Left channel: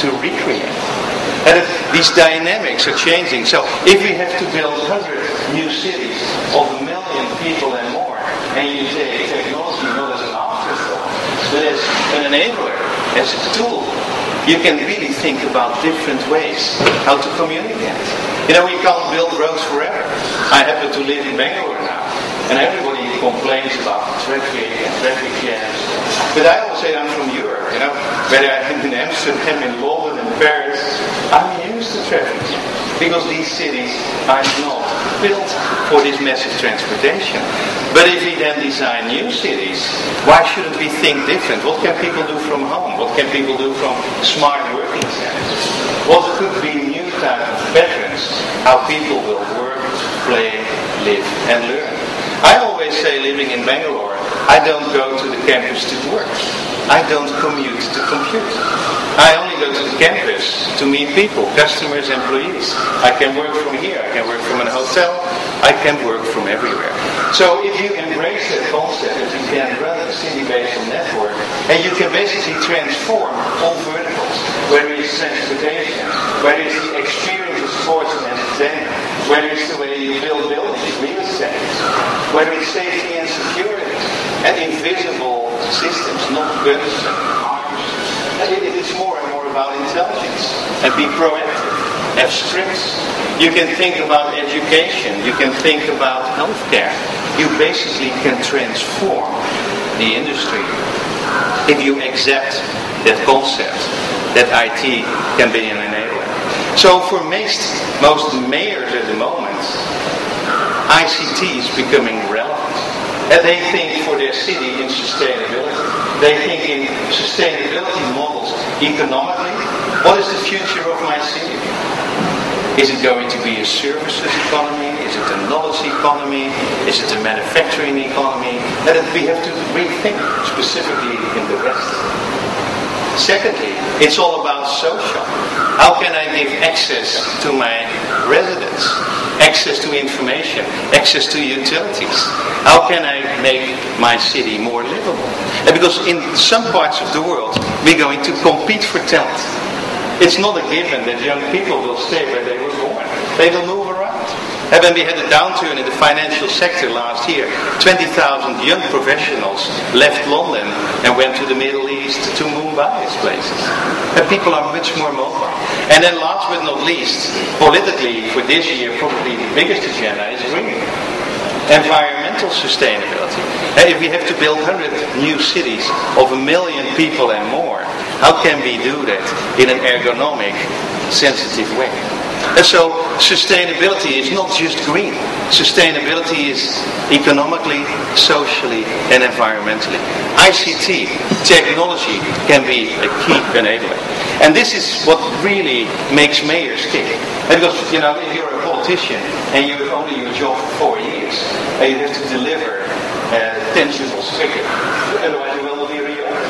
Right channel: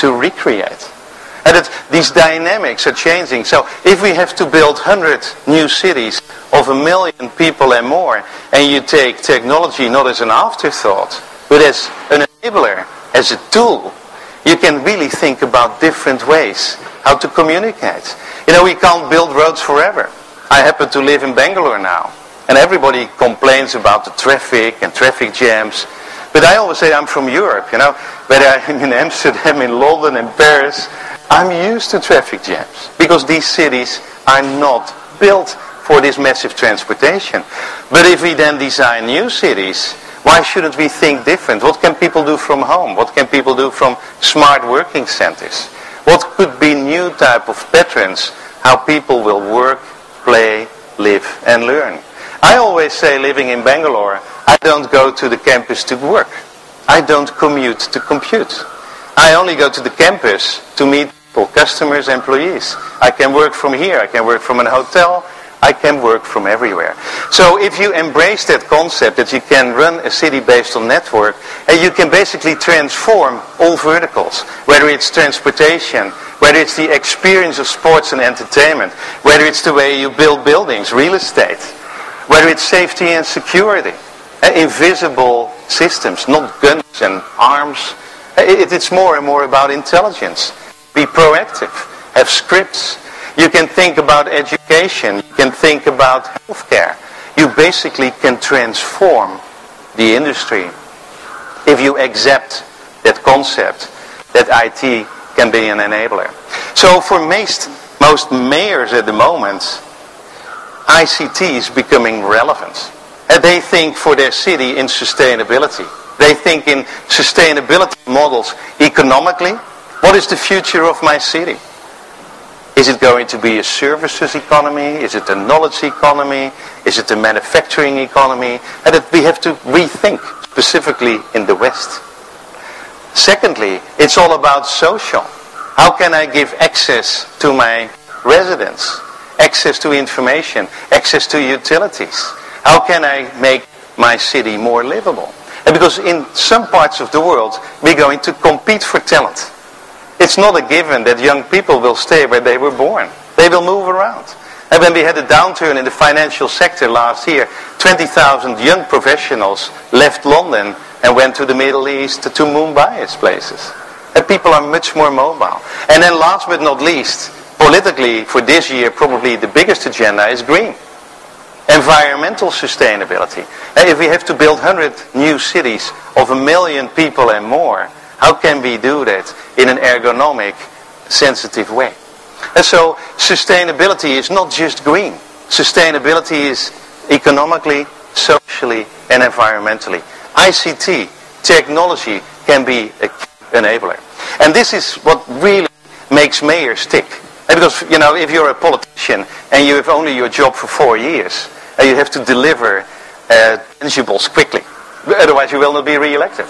to recreate. And these dynamics are changing. So if we have to build 100 new cities of 1 million people and more, and you take technology not as an afterthought, but as an enabler, as a tool, you can really think about different ways how to communicate. You know, we can't build roads forever. I happen to live in Bangalore now, and everybody complains about the traffic and traffic jams. But I always say I'm from Europe, you know. Whether I'm in Amsterdam, in London, in Paris, I'm used to traffic jams. Because these cities are not built for this massive transportation. But if we then design new cities, why shouldn't we think different? What can people do from home? What can people do from smart working centers? What could be new type of patterns, how people will work, play, live and learn? I always say, living in Bangalore, I don't go to the campus to work. I don't commute to compute. I only go to the campus to meet people, customers, employees. I can work from here, I can work from a hotel, I can work from everywhere. So if you embrace that concept that you can run a city based on network, and you can basically transform all verticals, whether it's transportation, whether it's the experience of sports and entertainment, whether it's the way you build buildings, real estate, whether it's safety and security, invisible systems, not guns and arms. It's more and more about intelligence. And be proactive. Have scripts. You can think about education. You can think about healthcare. You basically can transform the industry if you accept that concept that IT can be an enabler. So for most mayors at the moment, ICT is becoming relevant. And they think for their city in sustainability. They think in sustainability models economically. What is the future of my city? Is it going to be a services economy? Is it a knowledge economy? Is it a manufacturing economy? And that we have to rethink, specifically in the West. Secondly, it's all about social. How can I give access to my residents? Access to information, access to utilities. How can I make my city more livable? And because in some parts of the world, we're going to compete for talent. It's not a given that young people will stay where they were born. They will move around. And when we had a downturn in the financial sector last year, 20,000 young professionals left London and went to the Middle East, to Mumbai as places. And people are much more mobile. And then last but not least, politically for this year, probably the biggest agenda is green. Environmental sustainability. If we have to build 100 new cities of 1 million people and more, how can we do that in an ergonomic, sensitive way? And so sustainability is not just green. Sustainability is economically, socially and environmentally. ICT, technology, can be a key enabler. And this is what really makes mayors tick. And because, you know, if you're a politician and you have only your job for 4 years, you have to deliver tangibles quickly. Otherwise you will not be re-elected.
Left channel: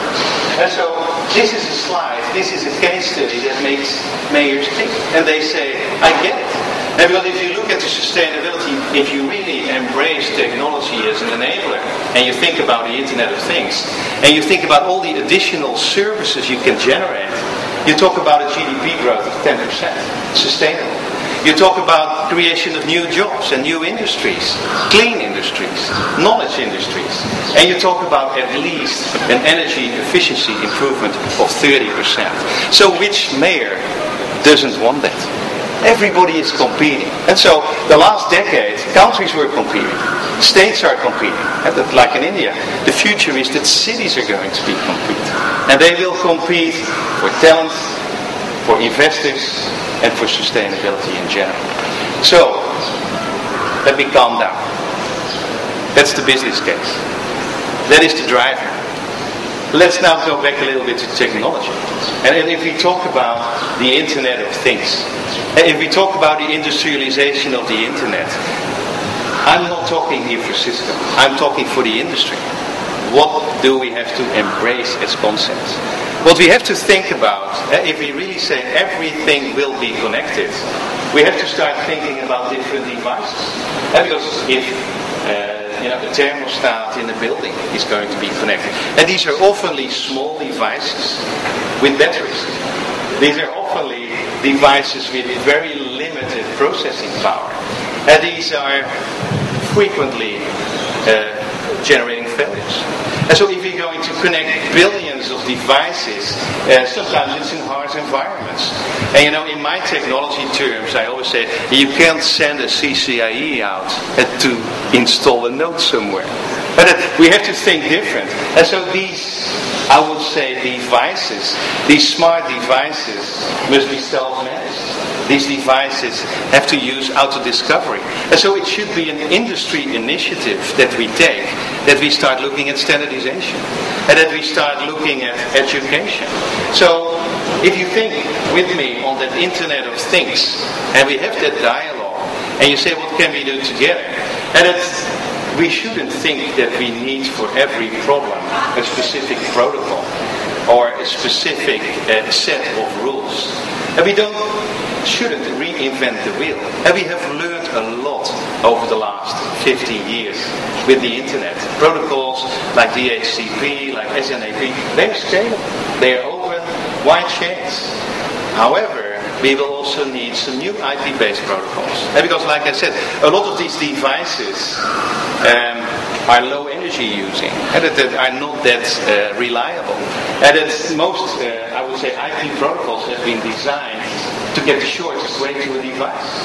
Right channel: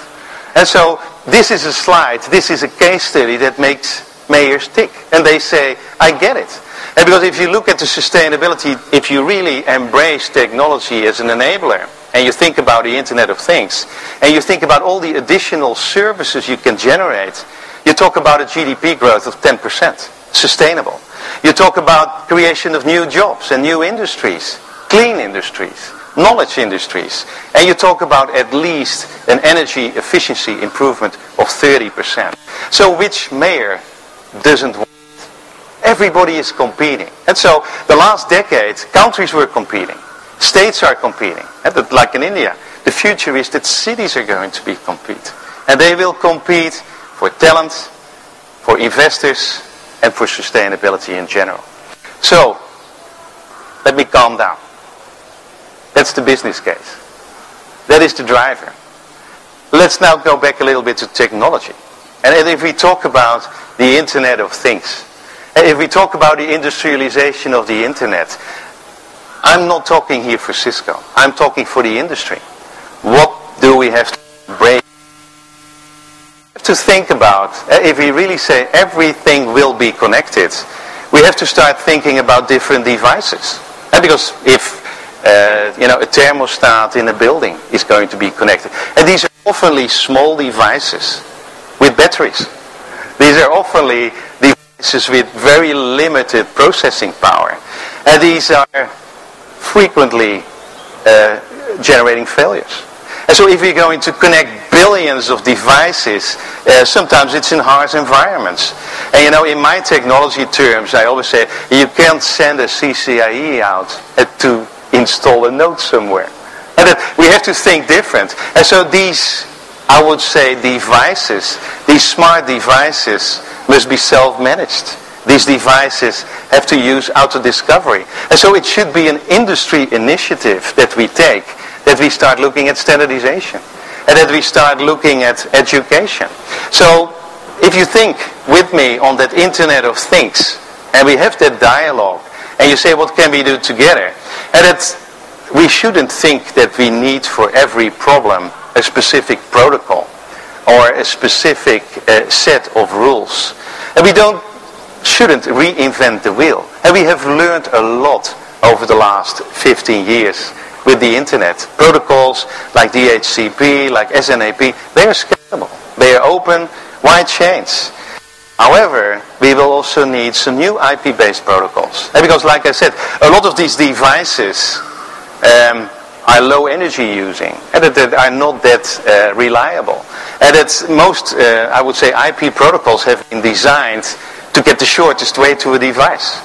And so this is a slide, this is a case study that makes mayors tick. And they say, I get it. And because if you look at the sustainability, if you really embrace technology as an enabler, and you think about the Internet of Things, and you think about all the additional services you can generate, you talk about a GDP growth of 10%, sustainable. You talk about creation of new jobs and new industries, clean industries, knowledge industries. And you talk about at least an energy efficiency improvement of 30%. So which mayor doesn't want that? Everybody is competing. And so the last decade, countries were competing. States are competing. Like in India, the future is that cities are going to be competing. And they will compete for talent, for investors, and for sustainability in general. So, let me calm down. That's the business case. That is the driver. Let's now go back a little bit to technology. And if we talk about the Internet of Things, and if we talk about the industrialization of the Internet, I'm not talking here for Cisco. I'm talking for the industry. What do we have to embrace as concepts? What we have to think about, if we really say everything will be connected, we have to start thinking about different devices. Because if a thermostat in a building is going to be connected, and these are oftenly small devices with batteries. These are oftenly devices with very limited processing power. And these are frequently generating failures. And so if we're going to connect billions of devices, sometimes it's in harsh environments. And you know, in my technology terms, I always say, you can't send a CCIE out to install a node somewhere. And we have to think different. And so these, I would say, devices, these smart devices must be self-managed. These devices have to use auto-discovery. And so it should be an industry initiative that we take, that we start looking at standardization, and that we start looking at education. So if you think with me on that Internet of Things, and we have that dialogue, and you say, what can we do together? And we shouldn't think that we need for every problem a specific protocol or a specific set of rules. And we shouldn't reinvent the wheel. And we have learned a lot over the last 15 years with the Internet. Protocols like DHCP, like SNAP, they are scalable. They are open, wide chains. However, we will also need some new IP-based protocols. And because, like I said, a lot of these devices are low energy using and that are not that reliable. And that most, I would say, IP protocols have been designed to get the shortest way to a device.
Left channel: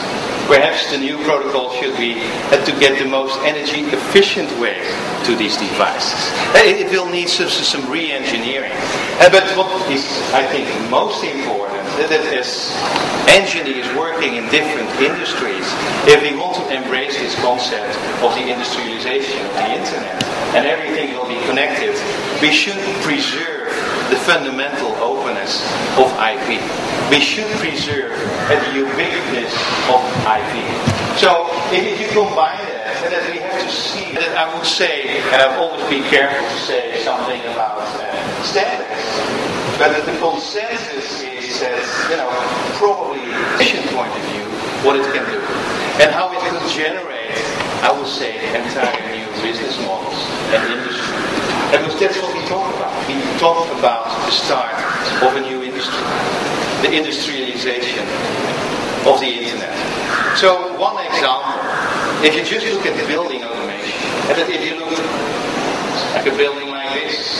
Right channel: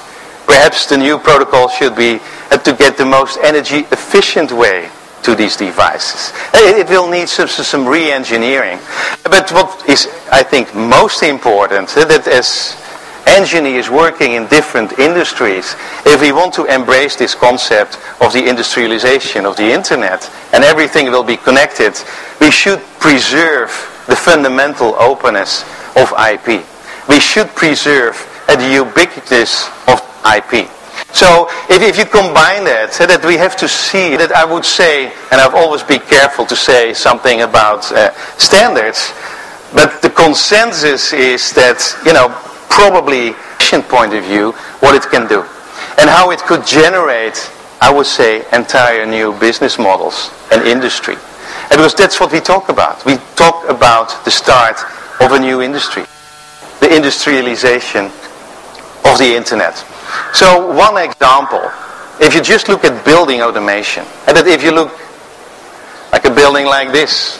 Perhaps the new protocol should be to get the most energy efficient way to these devices. It will need some re-engineering. But what is, I think, most important, that as engineers working in different industries, if we want to embrace this concept of the industrialization of the Internet and everything will be connected, we should preserve the fundamental openness of IP. We should preserve the ubiquitous of IP. So if you combine that we have to see that, I would say, and I've always been careful to say something about standards, but the consensus is that, you know, probably from a point of view, what it can do. And how it could generate, I would say, entire new business models and industry. And because that's what we talk about. We talk about the start of a new industry. The industrialization of the Internet. So one example, if you just look at building automation, and that if you look like a building like this,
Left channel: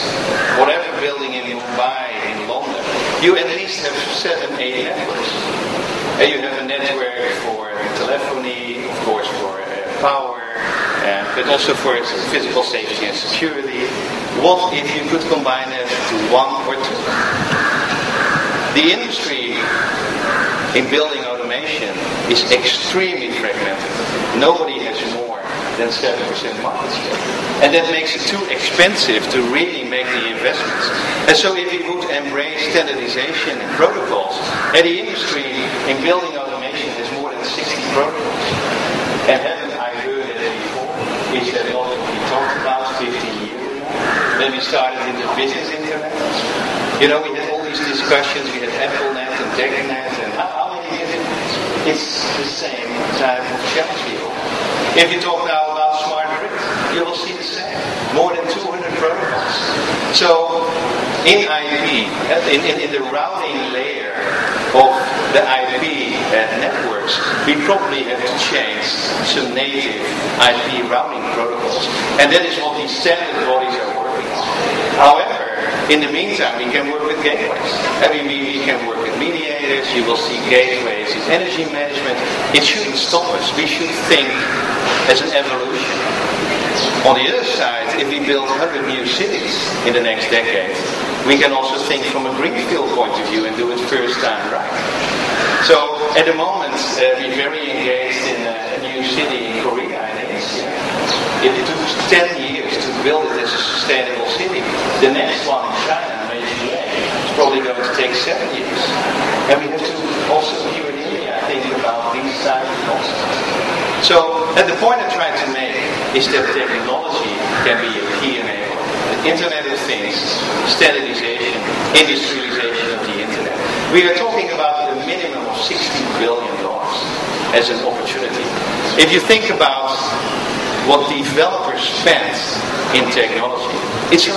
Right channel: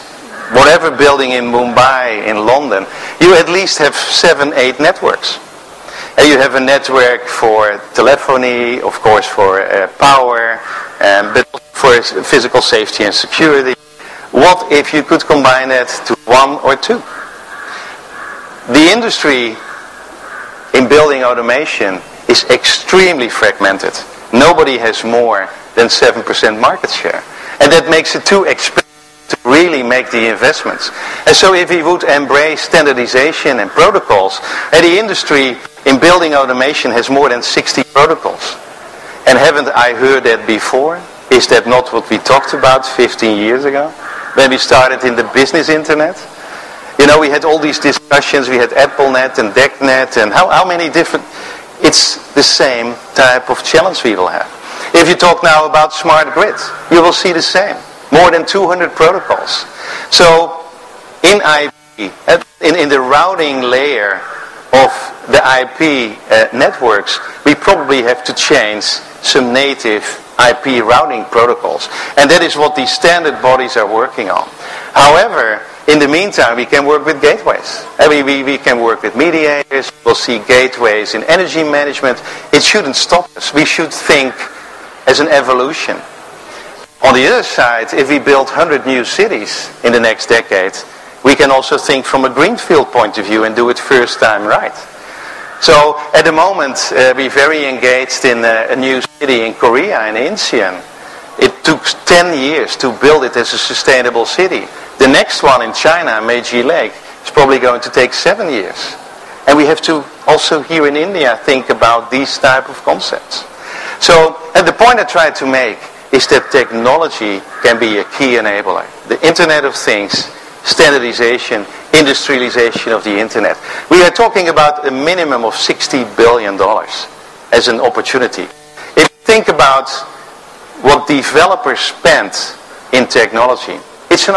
whatever building in Mumbai, in London, you at least have 7, 8 networks. And you have a network for telephony, of course for power, but also for physical safety and security. What if you could combine that to 1 or 2? The industry in building automation is extremely fragmented. Nobody has more than 7% market share. And that makes it too expensive to really make the investments. And so if we would embrace standardization and protocols, and the industry in building automation has more than 60 protocols. And haven't I heard that before? Is that not what we talked about 15 years ago? When we started in the business Internet? You know, we had all these discussions, we had AppleNet and DECnet and how many different... It's the same type of challenge we will have. If you talk now about smart grid, you will see the same. More than 200 protocols. So in IP, in the routing layer of the IP networks, we probably have to change some native IP routing protocols. And that is what these standard bodies are working on. However, in the meantime, we can work with gateways. And we can work with mediators. You will see gateways in energy management. It shouldn't stop us. We should think as an evolution. On the other side, if we build 100 new cities in the next decade, we can also think from a greenfield point of view and do it first time right. So at the moment, we're very engaged in a new city in Korea, in Incheon. It took 10 years to build it as a sustainable city. The next one in China, Meiji Lake, is probably going to take 7 years. And we have to also here in India think about these type of concepts. So, and the point I try to make is that technology can be a key enabler. The Internet of Things, standardization, industrialization of the Internet. We are talking about a minimum of $60 billion as an opportunity. If you think about what developers spend in technology, it's an